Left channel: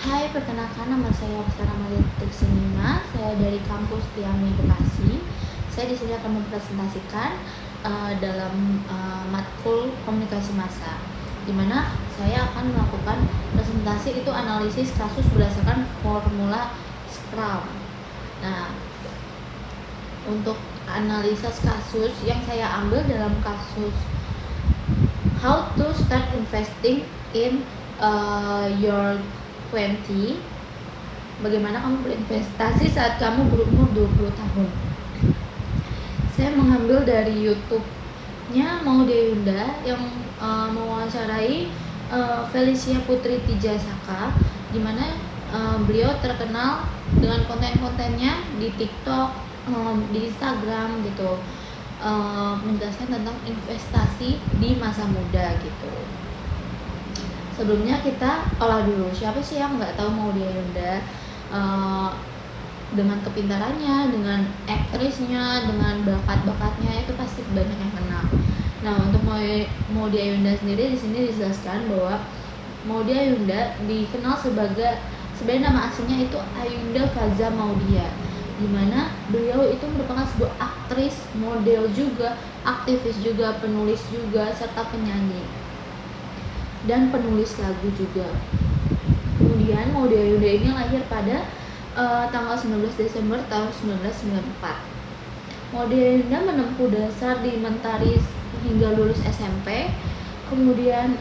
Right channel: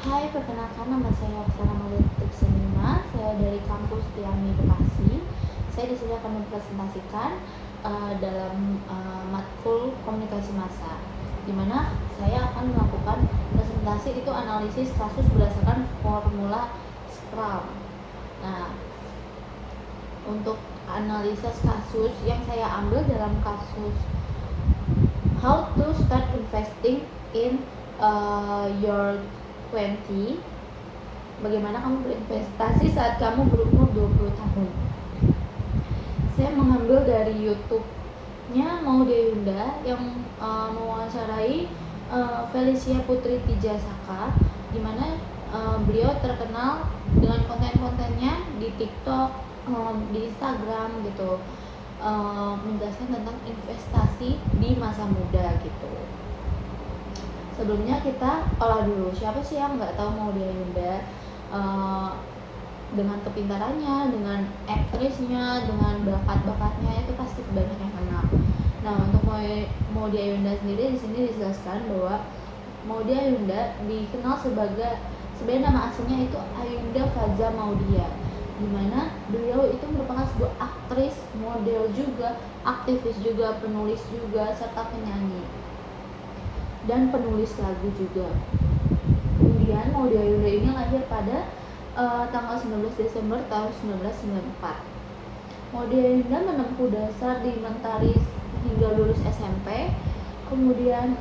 Hai, perkenalkan nama saya Oksana Mariatik Senima. Saya dari kampus Tiami Bekasi. Saya di sini akan mempresentasikan dalam matkul komunikasi massa, di mana saya akan melakukan presentasi itu analisis kasus berdasarkan formula Scrum. Nah, untuk analisis kasus yang saya ambil dalam kasus how to start investing in your 20, bagaimana kamu berinvestasi saat kamu berumur 20 tahun. Saya mengambil dari YouTube-nya Maudia Yunda yang mewawancarai Felicia Putri Tijasaka, di mana beliau terkenal dengan konten-kontennya di TikTok, di Instagram gitu, menjelaskan tentang investasi di masa muda gitu. Sebelumnya kita olah dulu, siapa sih yang nggak tahu Maudia Yunda? Dengan kepintarannya, dengan aktrisnya, dengan bakat-bakatnya itu pasti banyak yang kenal. Nah, untuk Maudia Yunda sendiri di sini dijelaskan bahwa Maudia Yunda dikenal sebagai, sebenarnya nama aslinya itu Ayunda Faza Maudia, di mana beliau itu merupakan sebuah aktris, model juga, aktivis juga, penulis juga, serta penyanyi dan penulis lagu juga. Kemudian Maudia Yunda ini lahir pada tanggal 19 Desember tahun 1994. Maudia Yunda menempuh dasar di Mentari hingga lulus SMP. Kemudian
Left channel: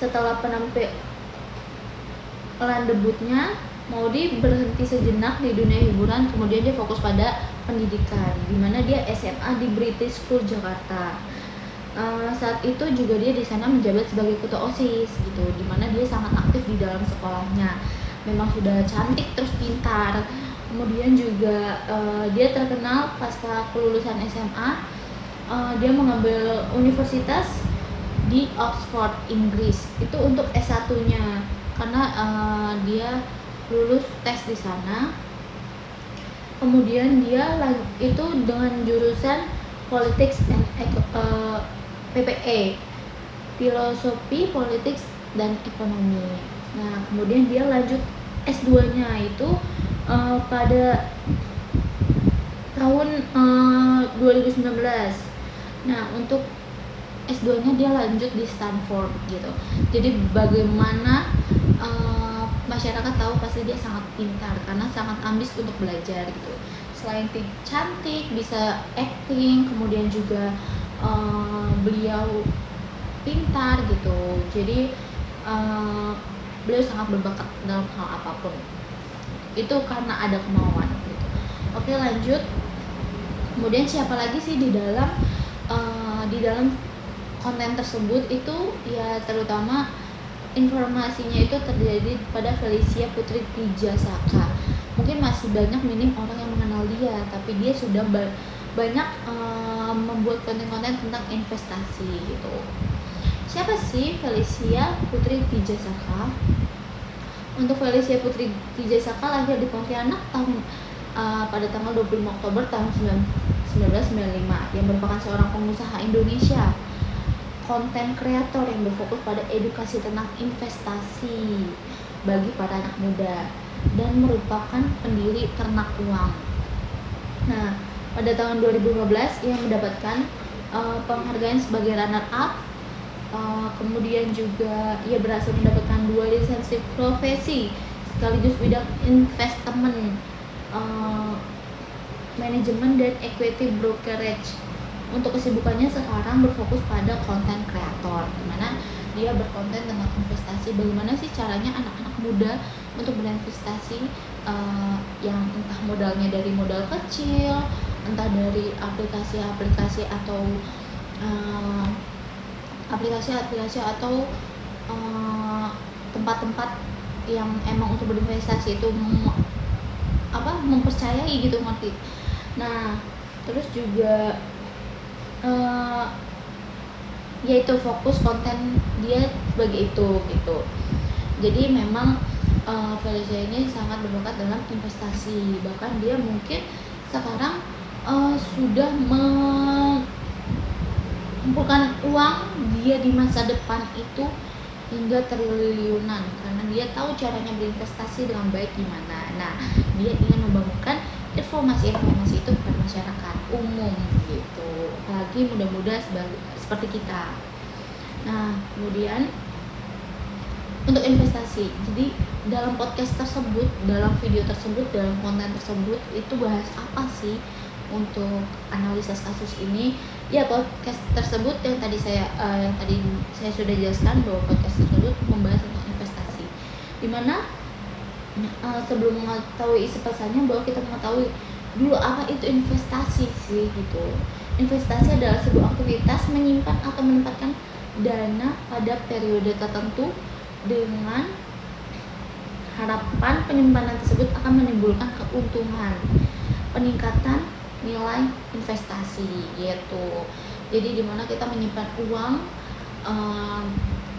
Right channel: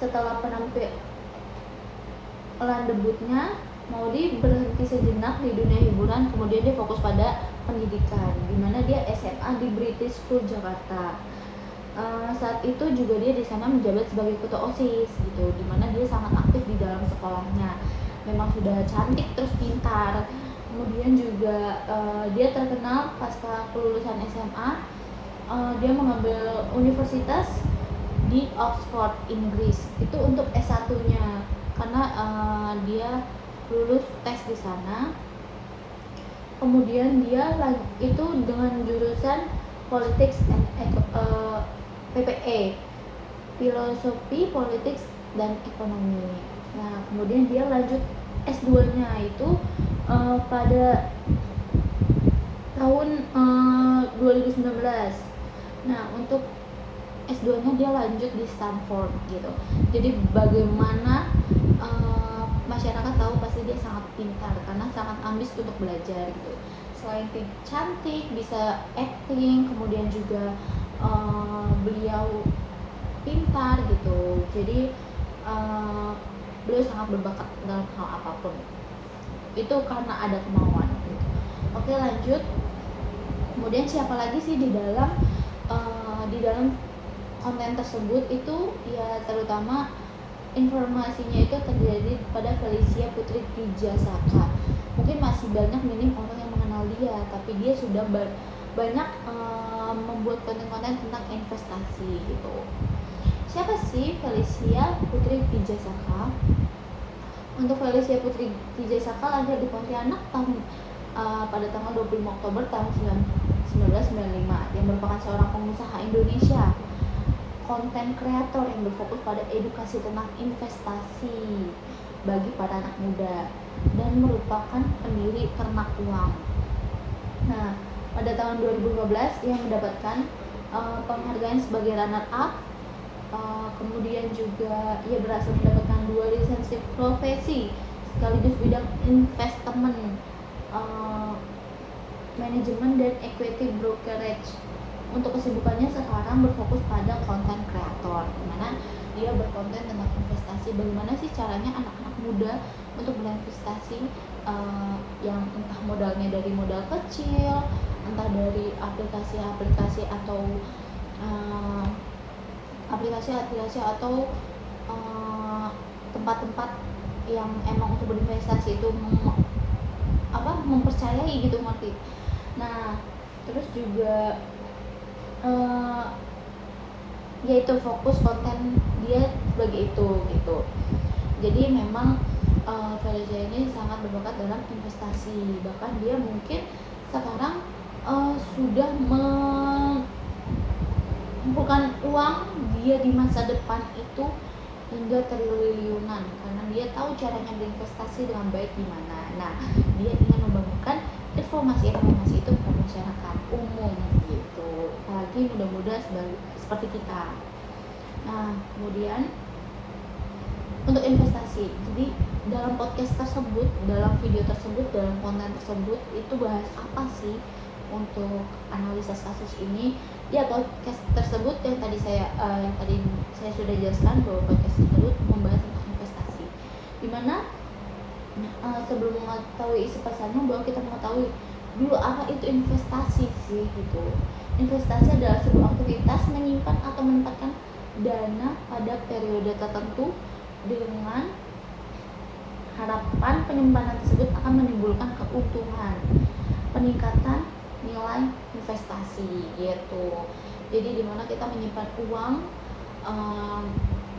setelah penampilan debutnya, Maudi berhenti sejenak di dunia hiburan, kemudian dia fokus pada pendidikan, di mana dia SMA di British School Jakarta. Saat itu juga dia di sana menjabat sebagai ketua OSIS gitu, di mana dia sangat aktif di dalam sekolahnya. Memang sudah cantik terus pintar. Kemudian juga dia terkenal pasca kelulusan SMA, dia mengambil universitas di Oxford, Inggris. Itu untuk S1-nya karena dia lulus tes di sana. Kemudian dia itu dengan jurusan Politics and PPE, Filosofi, Politics dan Ekonomi. Nah, kemudian dia lanjut S2-nya itu pada tahun 2019. Nah, untuk S2-nya dia lanjut di Stanford gitu. Jadi bagaimana masyarakat tahu pasti dia sangat pintar karena sangat ambis untuk belajar gitu. Selain cantik, bisa acting, kemudian juga beliau pintar gitu. Jadi beliau sangat berbakat dalam hal apapun. Itu karena ada kemauan gitu. Oke, lanjut. Kemudian siapa lagi sih di dalam konten tersebut itu ya, terutama informasinya itu terjadi pada Felicia Putri Tijasaka. Mungkin masih banyak minim orang yang mengenal dia, tapi dia sudah banyak membuat konten-konten tentang investasi gitu. Siapa sih Felicia Putri Tijasaka? Untuk Felicia Putri Tijasaka lahir di Pontianak pada tanggal 25 Oktober tahun 1995, yang merupakan seorang pengusaha Indonesia, konten kreator yang berfokus pada edukasi tentang investasi bagi para anak muda, dan merupakan pendiri Ternak Uang. Nah, pada tahun 2015 ia mendapatkan penghargaan sebagai runner up. Kemudian juga ia berhasil mendapatkan 2 lisensi profesi sekaligus bidang investment, manajemen dan equity brokerage. Untuk kesibukannya sekarang berfokus pada konten kreator, dimana dia berkonten tentang investasi, bagaimana sih caranya anak-anak muda untuk berinvestasi, yang entah modalnya dari modal kecil, entah dari aplikasi-aplikasi atau tempat-tempat yang emang untuk berinvestasi itu mempercayai gitu, ngerti. Nah, terus juga yaitu fokus konten dia sebagai itu gitu. Jadi memang Felicia ini sangat berbakat dalam investasi, bahkan dia mungkin sekarang sudah mengumpulkan uang dia di masa depan itu hingga triliunan karena dia tahu caranya berinvestasi dengan baik gimana. Nah, dia ingin membangunkan informasi itu kepada masyarakat umum gitu, apalagi muda-muda seperti kita. Nah, kemudian untuk investasi, jadi dalam podcast tersebut, dalam video tersebut, dalam konten tersebut itu bahas apa sih untuk analisis kasus ini? Ya, podcast tersebut yang tadi saya sudah jelaskan bahwa podcast tersebut membahas tentang investasi, dimana sebelum mengetahui isi pesannya bahwa kita mengetahui dulu apa itu investasi sih gitu. Investasi adalah sebuah aktivitas menyimpan atau menempatkan dana pada periode tertentu dengan harapan penyimpanan tersebut akan menimbulkan keuntungan, peningkatan nilai investasi gitu. Jadi dimana kita menyimpan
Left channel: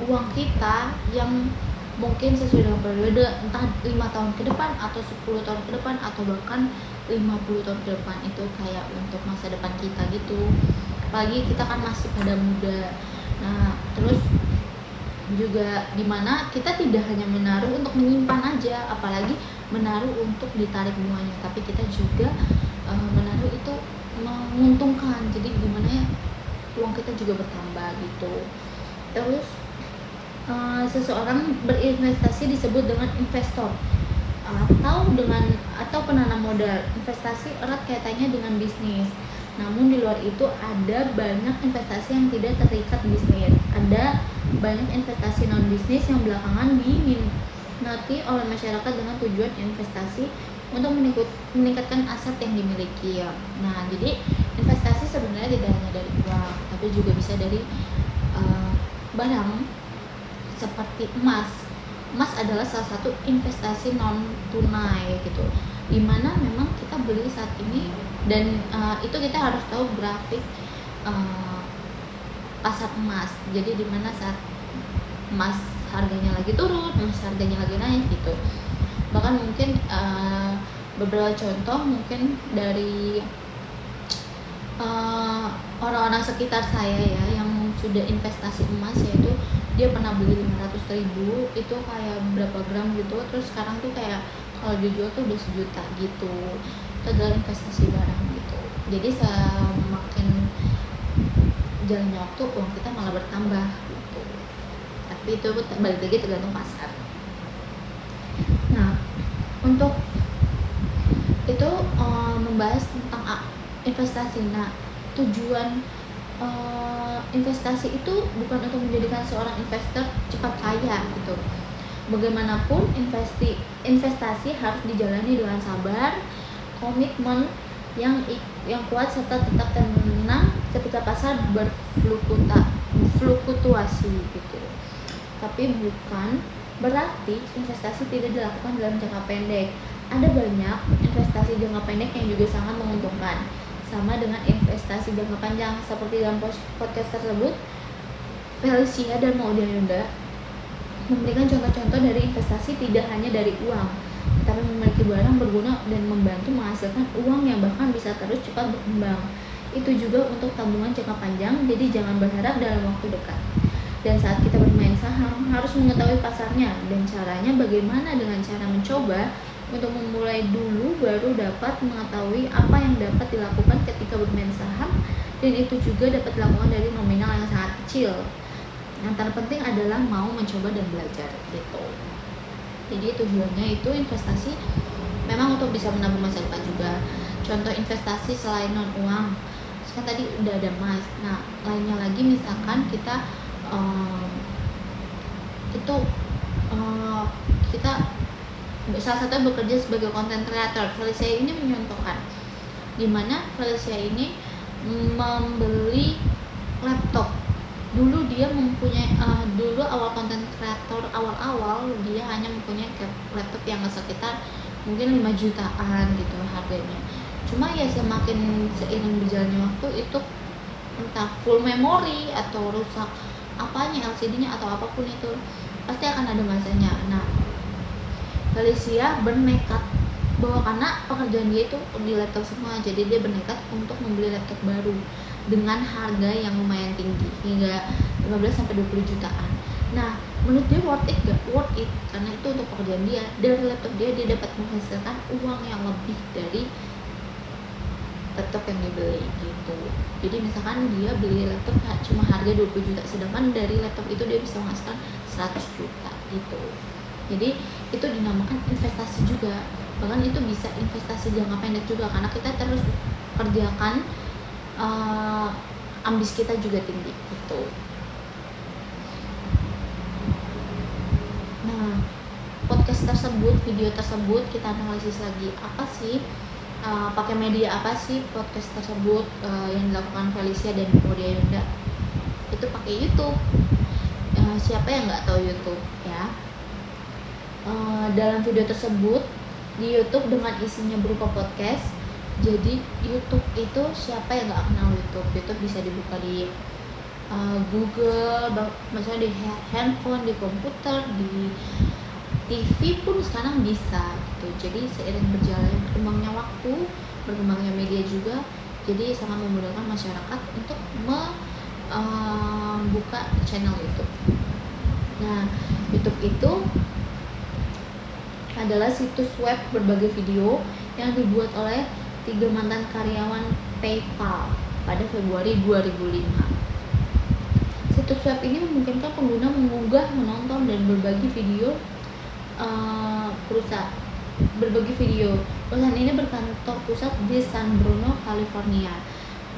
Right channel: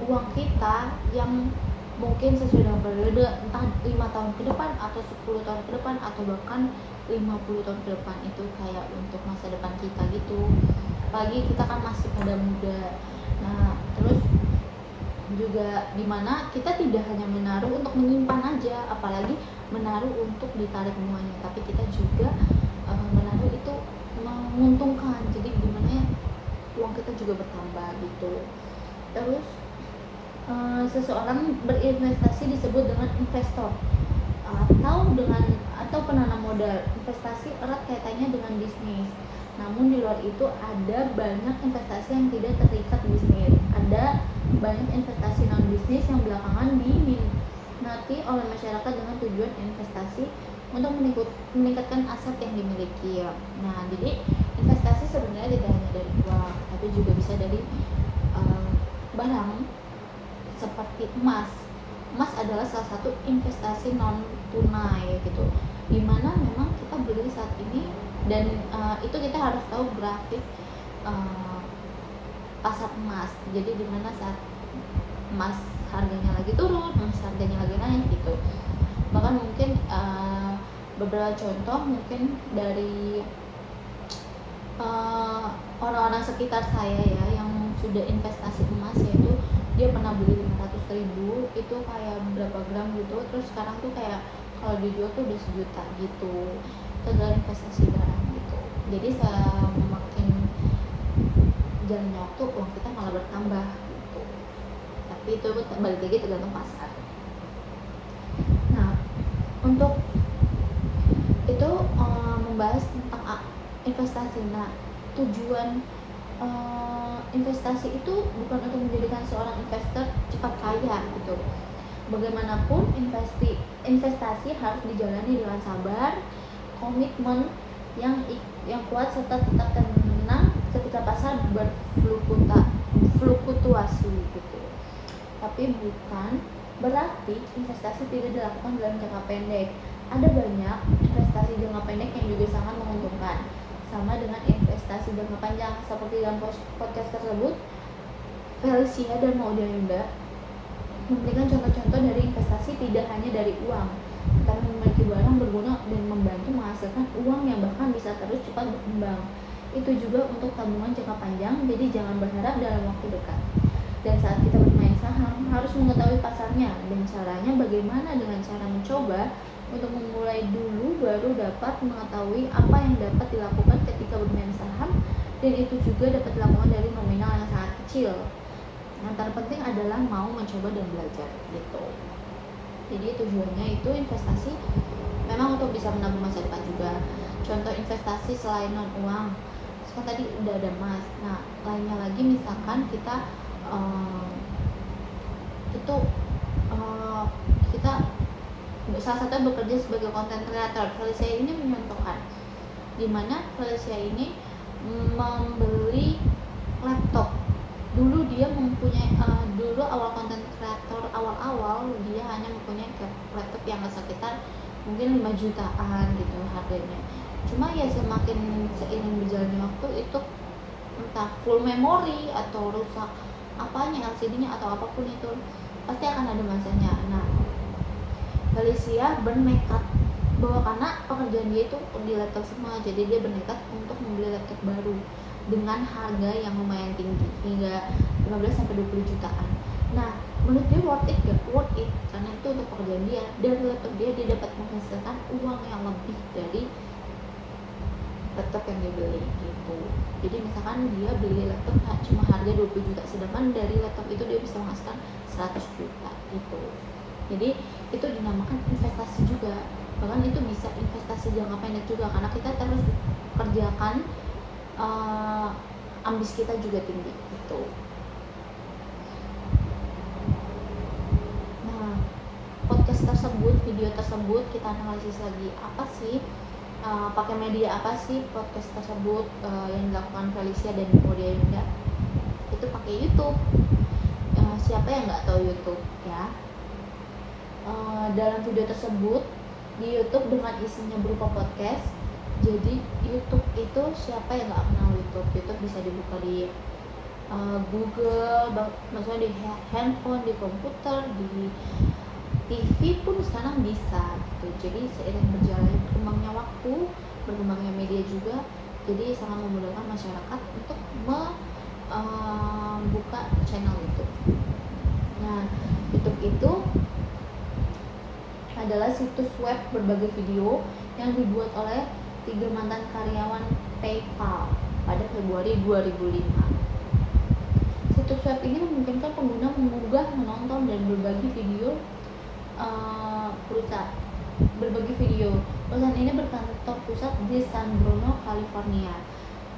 uang kita yang mungkin sesuai dengan periode entah 5 tahun ke depan atau 10 tahun ke depan atau bahkan 50 tahun ke depan, itu kayak untuk masa depan kita gitu. Apalagi kita kan masih pada muda. Nah, terus juga dimana kita tidak hanya menaruh untuk menyimpan aja, apalagi menaruh untuk ditarik bunganya, tapi kita juga menaruh itu menguntungkan, jadi dimana ya uang kita juga bertambah gitu. Terus seseorang berinvestasi disebut dengan investor atau penanam modal. Investasi erat kaitannya dengan bisnis. Namun di luar itu ada banyak investasi yang tidak terikat bisnis. Ada banyak investasi non bisnis yang belakangan diminati oleh masyarakat dengan tujuan investasi untuk meningkatkan aset yang dimiliki ya. Nah, jadi investasi sebenarnya tidak hanya dari uang, tapi juga bisa dari barang seperti emas. Emas adalah salah satu investasi non tunai gitu, dimana memang kita beli saat ini dan itu kita harus tahu grafik pasar emas. Jadi dimana saat emas harganya lagi turun, emas harganya lagi naik gitu. Bahkan mungkin beberapa contoh mungkin dari orang-orang sekitar saya ya yang sudah investasi emas, yaitu dia pernah beli 500.000 itu kayak berapa gram gitu, terus sekarang tuh kayak kalau dijual tuh udah 1 juta gitu. Itu adalah investasi barang gitu. Jadi semakin jalannya waktu uang kita malah bertambah gitu. Tapi itu balik lagi tergantung pasar. Nah, untuk itu membahas tentang investasi. Nah, tujuan investasi itu bukan untuk menjadikan seorang investor cepat kaya gitu. Bagaimanapun investasi harus dijalani dengan sabar, komitmen yang kuat serta tetap tenang ketika pasar berfluktuasi gitu. Tapi bukan berarti investasi tidak dilakukan dalam jangka pendek. Ada banyak investasi jangka pendek yang juga sangat menguntungkan, sama dengan investasi jangka panjang. Seperti dalam podcast tersebut, Felicia dan Maudia Yunda memberikan contoh-contoh dari investasi tidak hanya dari uang, tetapi memiliki barang berguna dan membantu menghasilkan uang yang bahkan bisa terus cepat berkembang. Itu juga untuk tabungan jangka panjang, jadi jangan berharap dalam waktu dekat. Dan saat kita bermain saham, harus mengetahui pasarnya dan caranya bagaimana. Dengan cara mencoba untuk memulai dulu, baru dapat mengetahui apa yang dapat dilakukan ketika bermain saham, dan itu juga dapat dilakukan dari nominal yang sangat kecil. Yang terpenting adalah mau mencoba dan belajar gitu. Jadi tujuannya itu investasi memang untuk bisa menabung masa depan juga. Contoh investasi selain non uang, kan tadi udah ada emas. Nah, lainnya lagi misalkan kita kita salah satu bekerja sebagai content creator. Felicia ini menyontohkan dimana Felicia ini membeli laptop. Dulu dia mempunyai dulu awal content creator awal dia hanya mempunyai laptop yang sekitar mungkin 5 jutaan gitu harganya. Cuma ya semakin seiring berjalannya waktu itu entah full memory atau rusak apanya, LCD-nya atau apapun itu, pasti akan ada masanya. Nah, Felicia bernekat bahwa karena pekerjaan dia itu di laptop semua, jadi dia bernekat untuk membeli laptop baru dengan harga yang lumayan tinggi hingga 15-20 jutaan. Nah, menurut dia worth it gak? Worth it, karena itu untuk pekerjaan dia. Dari laptop dia dapat menghasilkan uang yang lebih dari laptop yang dibeli gitu. Jadi misalkan dia beli laptop cuma harga 20 juta, sedangkan dari laptop itu dia bisa menghasilkan 100 juta gitu. Jadi itu dinamakan investasi juga, bahkan itu bisa investasi jangka pendek juga, karena kita terus kerjakan ambis kita juga tinggi gitu. Nah, podcast tersebut, video tersebut kita analisis lagi, apa sih pakai media apa sih podcast tersebut yang dilakukan Felicia dan Audia Yunda. Itu pakai YouTube. Siapa yang nggak tahu YouTube ya. Dalam video tersebut di YouTube dengan isinya berupa podcast. Jadi YouTube itu siapa yang nggak kenal YouTube? YouTube bisa dibuka di Google, maksudnya di handphone, di komputer, di TV pun sekarang bisa gitu. Jadi seiring berjalannya berkembangnya waktu, berkembangnya media juga, jadi sangat memudahkan masyarakat untuk membuka channel YouTube. Nah, YouTube itu adalah situs web berbagai video yang dibuat oleh 3 mantan karyawan PayPal pada Februari 2005. Situs web ini memungkinkan pengguna mengunggah, menonton, dan berbagi video Perusahaan ini berkantor pusat di San Bruno, California,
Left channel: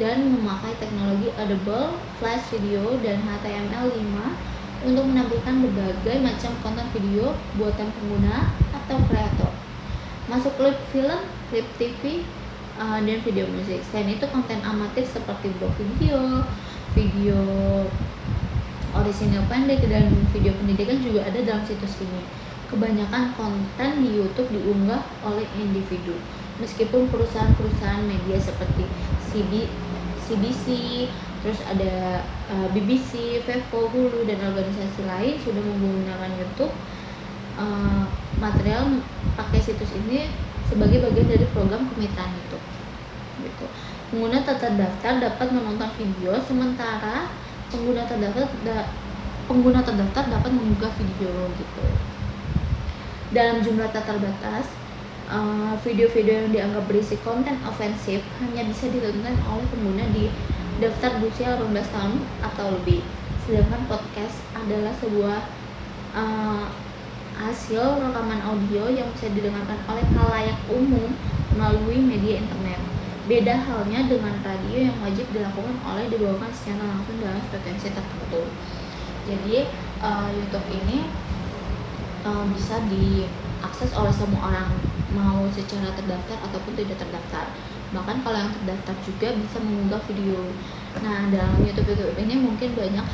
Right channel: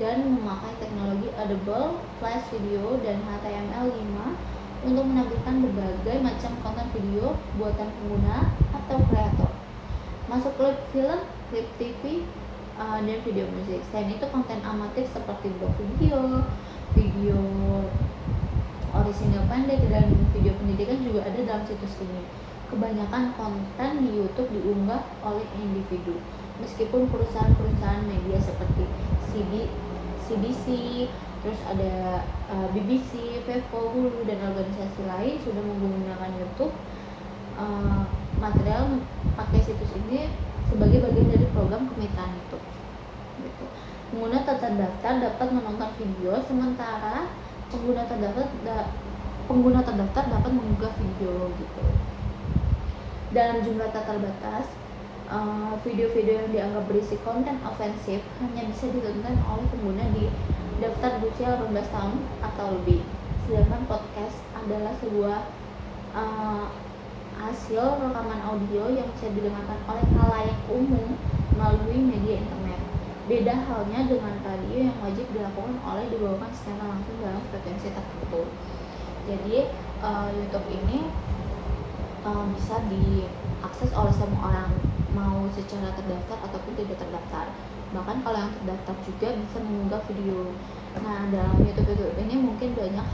dan memakai teknologi Audible, Flash Video, dan HTML5 untuk menampilkan berbagai macam konten video buatan pengguna atau kreator, masuk klip film, klip TV, dan video musik. Selain itu, konten amatir seperti blog video orisinal pendek, dan video pendidikan juga ada dalam situs ini. Kebanyakan konten di YouTube diunggah oleh individu, meskipun perusahaan-perusahaan media seperti CBC, terus ada BBC, Vevo, Hulu, dan organisasi lain sudah menggunakan YouTube. Material pakai situs ini sebagai bagian dari program kemitraan YouTube. Gitu. Pengguna tak terdaftar dapat menonton video, sementara pengguna terdaftar dapat mengunggah video gitu. Dalam jumlah tak terbatas, video-video yang dianggap berisi konten ofensif hanya bisa ditonton oleh pengguna di daftar berusia 18 tahun atau lebih. Sedangkan podcast adalah sebuah hasil rekaman audio yang bisa didengarkan oleh khalayak umum melalui media internet. Beda halnya dengan radio yang wajib dilakukan oleh dibawakan secara langsung dalam frekuensi tertentu. Jadi YouTube ini bisa diakses oleh semua orang, mau secara terdaftar ataupun tidak terdaftar. Bahkan kalau yang terdaftar juga bisa mengunggah video. Nah, dalam YouTube ini mungkin banyak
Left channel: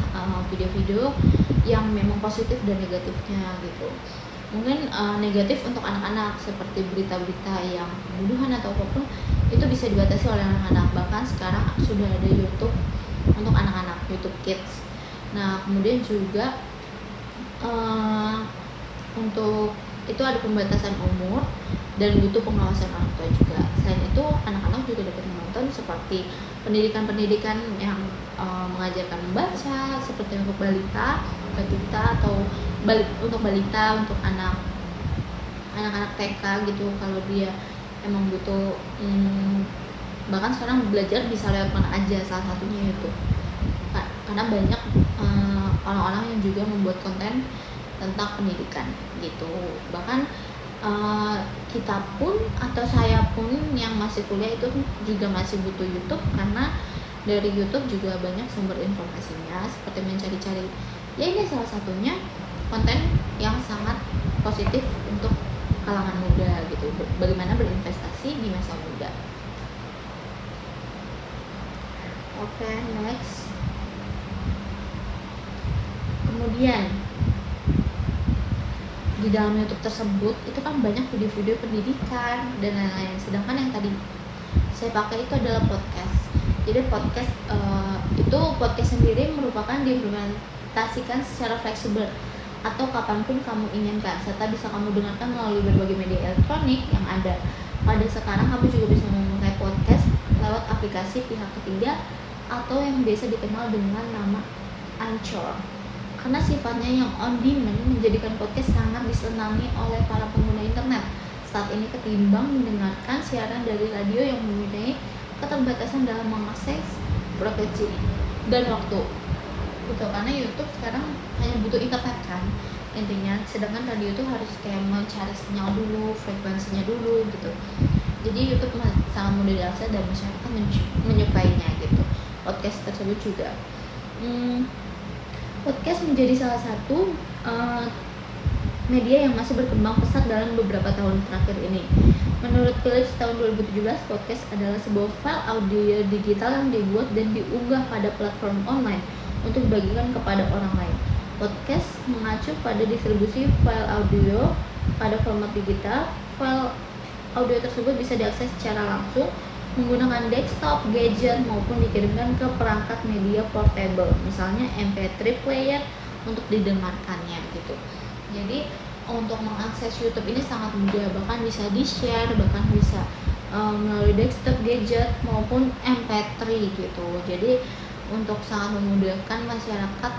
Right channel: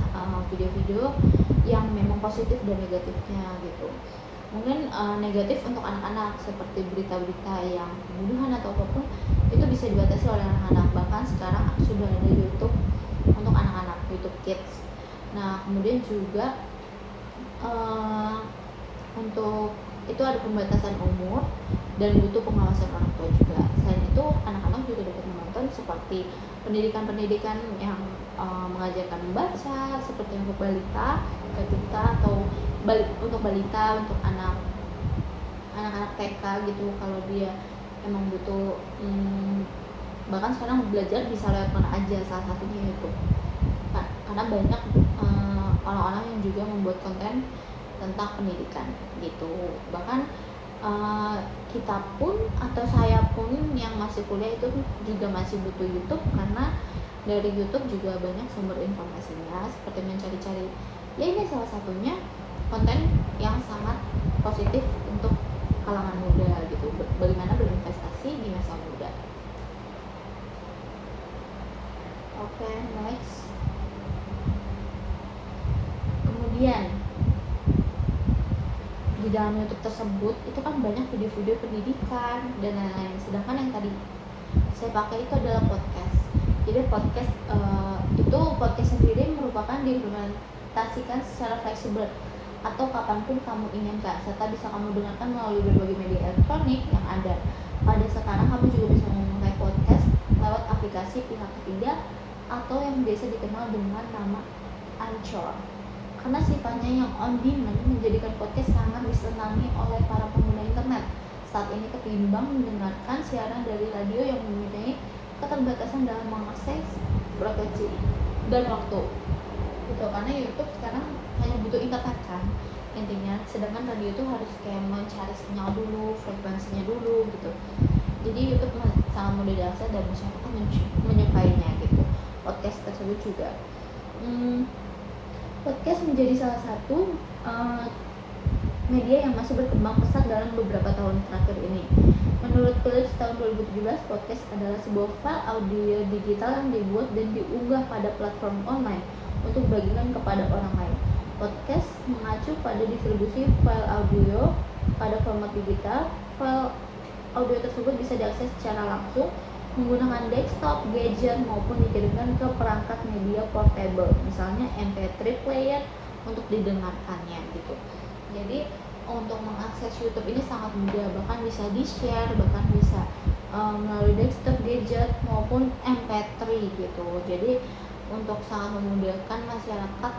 video-video yang memang positif dan negatifnya gitu. Mungkin negatif untuk anak-anak seperti berita-berita yang pembunuhan atau apapun, itu bisa dibatasi oleh anak-anak. Bahkan sekarang sudah ada YouTube untuk anak-anak, YouTube Kids. Nah, kemudian juga untuk itu ada pembatasan umur dan butuh pengawasan orang tua juga. Selain itu, anak-anak juga dapat menonton seperti pendidikan-pendidikan yang mengajarkan membaca, seperti untuk balita atau untuk balita, untuk anak-anak TK gitu. Kalau dia emang butuh, bahkan sekarang belajar bisa lewat mana aja, salah satunya itu karena banyak orang-orang yang juga membuat konten tentang pendidikan gitu. Bahkan kita pun atau saya pun yang masih kuliah itu juga masih butuh YouTube, karena dari YouTube juga banyak sumber informasinya, seperti mencari-cari. Ya, ini salah satunya konten yang sangat positif untuk kalangan muda gitu, bagaimana berinvestasi di masa muda. Oke, next. Kemudian di dalam YouTube tersebut itu kan banyak video-video pendidikan dan lain-lain, sedangkan yang tadi saya pakai itu adalah podcast. Jadi podcast sendiri merupakan diimplementasikan secara fleksibel atau kapanpun kamu inginkan, serta bisa kamu dengarkan melalui berbagai media elektronik yang ada. Pada sekarang kamu juga bisa memakai podcast lewat aplikasi pihak ketiga atau yang biasa dikenal dengan nama Anchor. karena sifatnya yang on demand menjadikan podcast sangat disenangi oleh para pengguna internet saat ini ketimbang mendengarkan siaran dari radio yang mempunyai keterbatasan dalam mengakses frekuensi dan waktu gitu. Karena YouTube sekarang hanya butuh internet kan intinya, sedangkan radio itu harus kayak mencari sinyal dulu, frekuensinya dulu gitu. Jadi YouTube sangat mudah diakses dan masyarakat menyukainya gitu. Podcast tersebut juga podcast menjadi salah satu media yang masih berkembang pesat dalam beberapa tahun terakhir ini. Menurut Philips tahun 2017, podcast adalah sebuah file audio digital yang dibuat dan diunggah pada platform online untuk dibagikan kepada orang lain. Podcast mengacu pada distribusi file audio pada format digital. File audio tersebut bisa diakses secara langsung menggunakan desktop, gadget, maupun dikirimkan ke perangkat media portable, misalnya MP3 player untuk didengarkannya gitu. Jadi untuk mengakses YouTube ini sangat mudah, bahkan bisa di-share, bahkan bisa melalui desktop, gadget maupun MP3 gitu. Jadi untuk sangat memudahkan masyarakat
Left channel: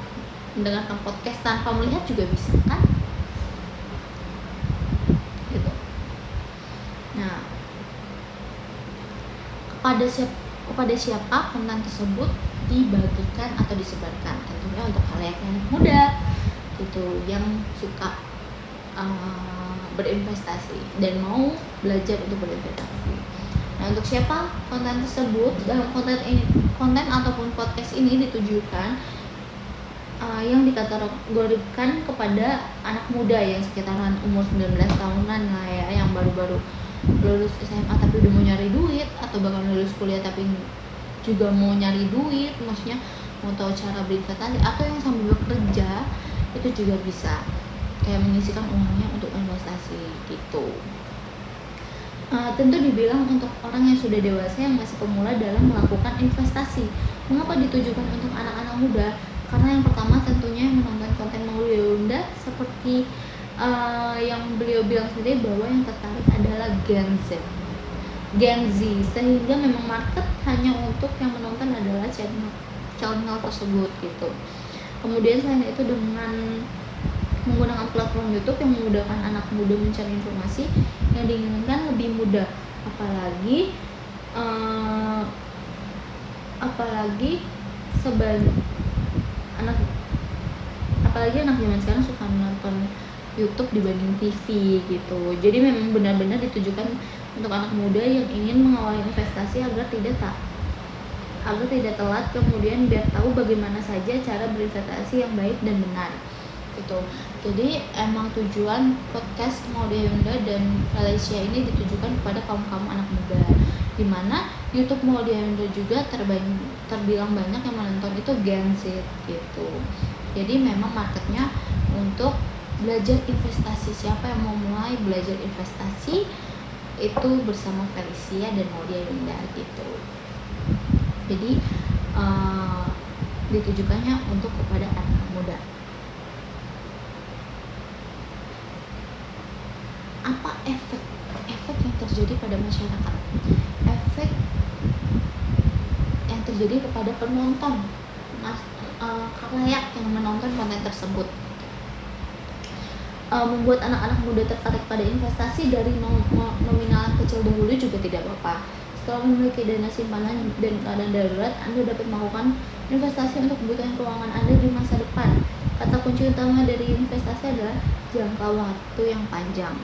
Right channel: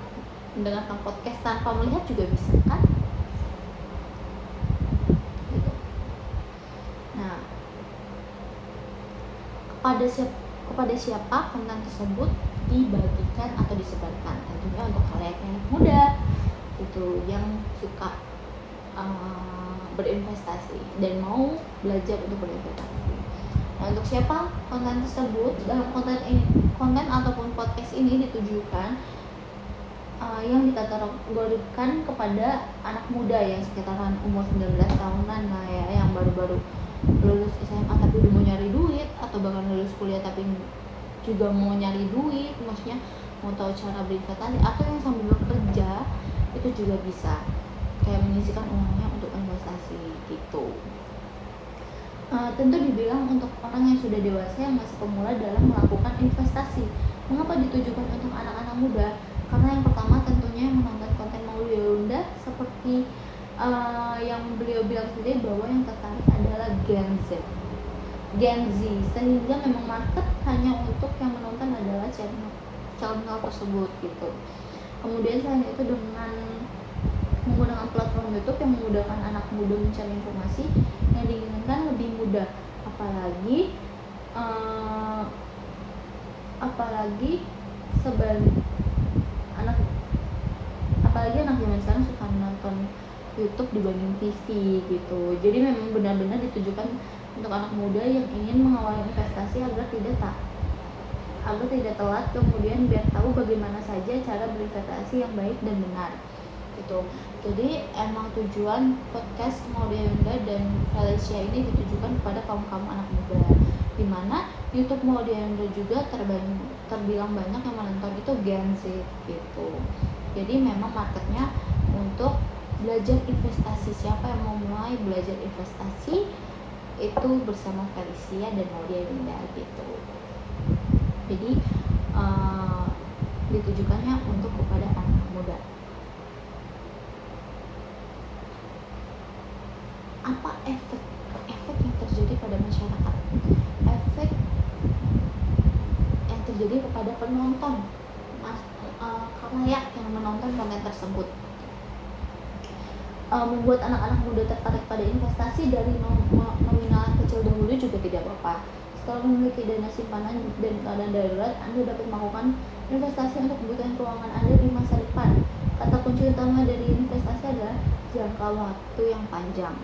mendengarkan podcast tanpa melihat juga bisa kan? Gitu. Nah, kepada siapa konten tersebut dibagikan atau disebarkan? Tentunya untuk kalian yang muda gitu, yang suka berinvestasi dan mau belajar untuk berinvestasi. Nah, untuk siapa konten tersebut? Dalam konten ataupun podcast ini ditujukan yang dikategorikan kepada anak muda yang sekitaran umur 19 tahunan lah ya, yang baru-baru lulus SMA tapi udah mau nyari duit, atau bahkan lulus kuliah tapi juga mau nyari duit, maksudnya mau tahu cara berinvestasi, atau yang sambil bekerja itu juga bisa kayak menyisihkan uangnya untuk investasi gitu. Tentu dibilang untuk orang yang sudah dewasa yang masih pemula dalam melakukan investasi. Mengapa ditujukan untuk anak-anak muda? Karena yang pertama tentunya yang menonton konten Maulia Yunda seperti yang beliau bilang sendiri bahwa yang tertarik adalah Gen Z, sehingga memang market hanya untuk yang menonton adalah channel tersebut gitu. Kemudian selain itu dengan menggunakan platform YouTube yang memudahkan anak muda mencari informasi yang diinginkan lebih mudah, apalagi anak zaman sekarang suka menonton YouTube dibanding TV gitu. Jadi memang benar-benar ditujukan untuk anak muda yang ingin mengawali investasi agar tidak telat, kemudian biar tahu bagaimana saja cara berinvestasi yang baik dan benar gitu. Jadi emang tujuan podcast Maulia Yunda dan Valencia ini ditujukan kepada kaum anak muda, dimana YouTube Maulia Yunda juga terbilang banyak yang menonton itu Gen Z gitu. Jadi memang marketnya untuk belajar investasi. Siapa yang mau mulai belajar investasi itu bersama Felicia dan Maulia Yunda gitu. Jadi ditujukannya untuk kepada anak muda. Apa efek yang terjadi pada masyarakat? Efek yang terjadi kepada penonton, khalayak yang menonton konten tersebut, membuat anak-anak muda tertarik pada investasi dari nominal kecil dahulu juga tidak apa-apa. Setelah memiliki dana simpanan dan keadaan darurat, Anda dapat melakukan investasi untuk kebutuhan keuangan Anda di masa depan. Kata kunci utama dari investasi adalah jangka waktu yang panjang.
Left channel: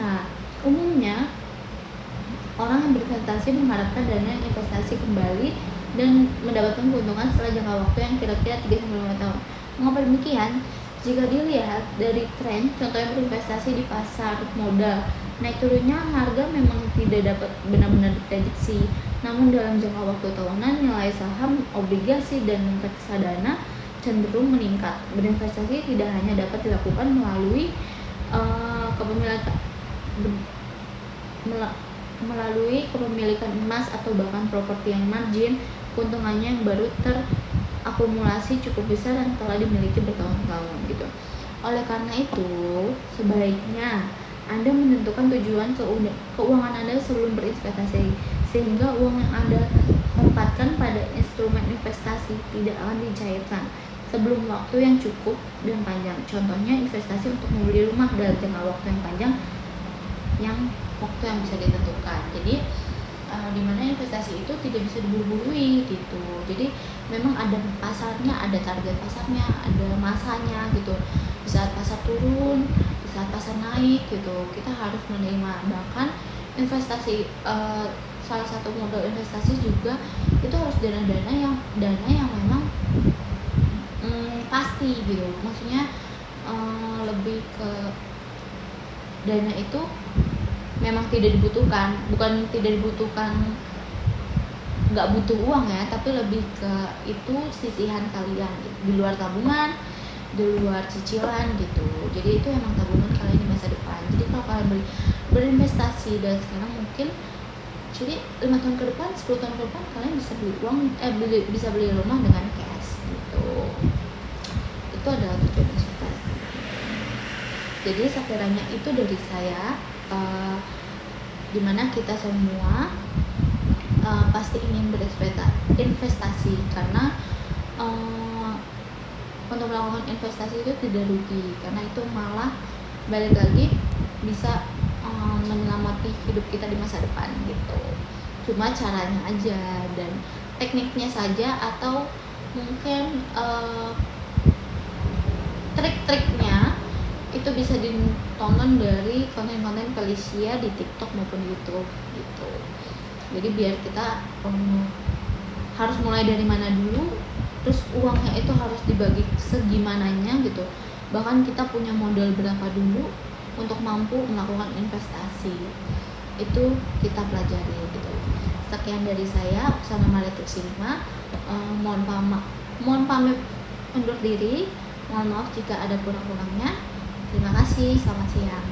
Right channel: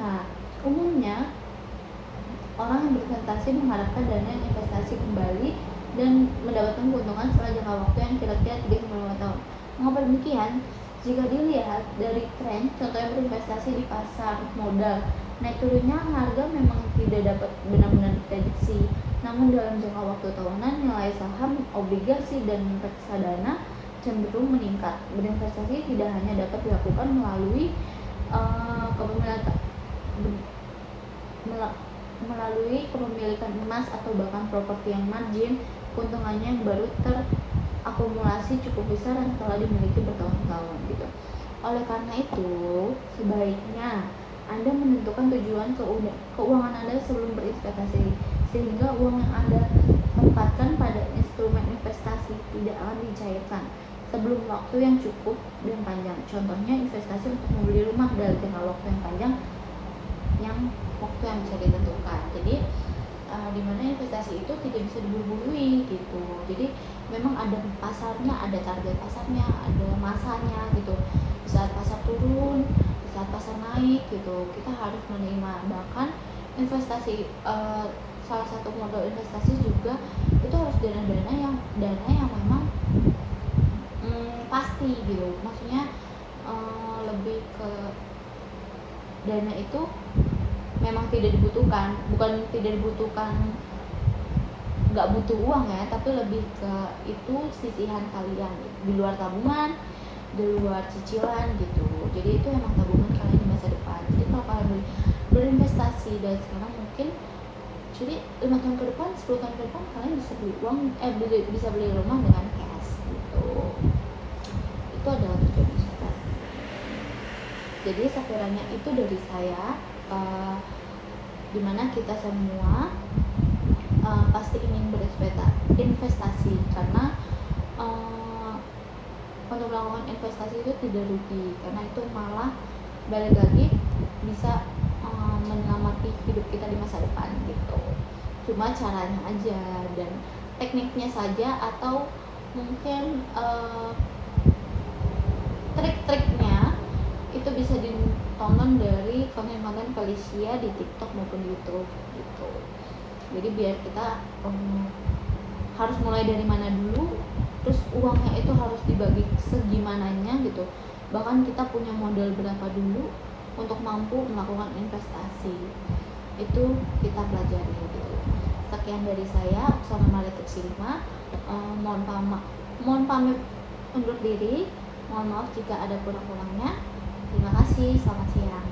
Nah, umumnya orang yang berinvestasi mengharapkan dana investasi kembali dan mendapatkan keuntungan setelah jangka waktu yang kira-kira 3-5 tahun. Mengapa demikian? Jika dilihat dari tren, contohnya berinvestasi di pasar modal, naik turunnya harga memang tidak dapat benar-benar diprediksi. Namun dalam jangka waktu tahunan, nilai saham, obligasi, dan reksadana cenderung meningkat. Berinvestasi tidak hanya dapat dilakukan melalui kepemilikan emas atau bahkan properti yang margin keuntungannya yang baru terakumulasi cukup besar dan telah dimiliki bertahun-tahun gitu. Oleh karena itu, sebaiknya Anda menentukan tujuan keuangan Anda sebelum berinvestasi, sehingga uang yang Anda tempatkan pada instrumen investasi tidak akan dicairkan. sebelum waktu yang cukup dan panjang. Contohnya investasi untuk membeli rumah dalam jangka waktu yang panjang, yang waktu yang bisa ditentukan. Jadi dimana investasi itu tidak bisa diburu-burui gitu. Jadi memang ada pasarnya, ada target pasarnya, ada masanya gitu. Di saat pasar turun, di saat pasar naik gitu, kita harus menerima. Bahkan investasi, salah satu modal investasi juga itu harus dana yang memang pasti gitu. Maksudnya lebih ke dana itu memang tidak dibutuhkan, bukan tidak dibutuhkan, nggak butuh uang ya, tapi lebih ke itu sisihan kalian gitu, di luar tabungan, di luar cicilan gitu. Jadi itu emang tabungan kalian di masa depan. Jadi kalau kalian berinvestasi dari sekarang, mungkin jadi 5 tahun ke depan, 10 tahun ke depan kalian bisa beli uang, bisa beli rumah dengan cash gitu. Itu adalah tujuan investasi. Jadi sekiranya itu dari saya, dimana kita semua pasti ingin berinvestasi karena untuk melakukan investasi itu tidak rugi, karena itu malah balik lagi bisa menyelamatin hidup kita di masa depan gitu. Cuma caranya aja dan tekniknya saja, atau mungkin trik-triknya itu bisa ditonton dari konten-konten Felicia di TikTok maupun YouTube gitu. Jadi biar kita harus mulai dari mana dulu, terus uangnya itu harus dibagi segimananya gitu. Bahkan kita punya modal berapa dulu untuk mampu melakukan investasi, itu kita pelajari gitu. Sekian dari saya, Oksana Maritik Silva. Mohon pamit undur diri. Mohon maaf jika ada kurang-kurangnya. Terima kasih, selamat siang.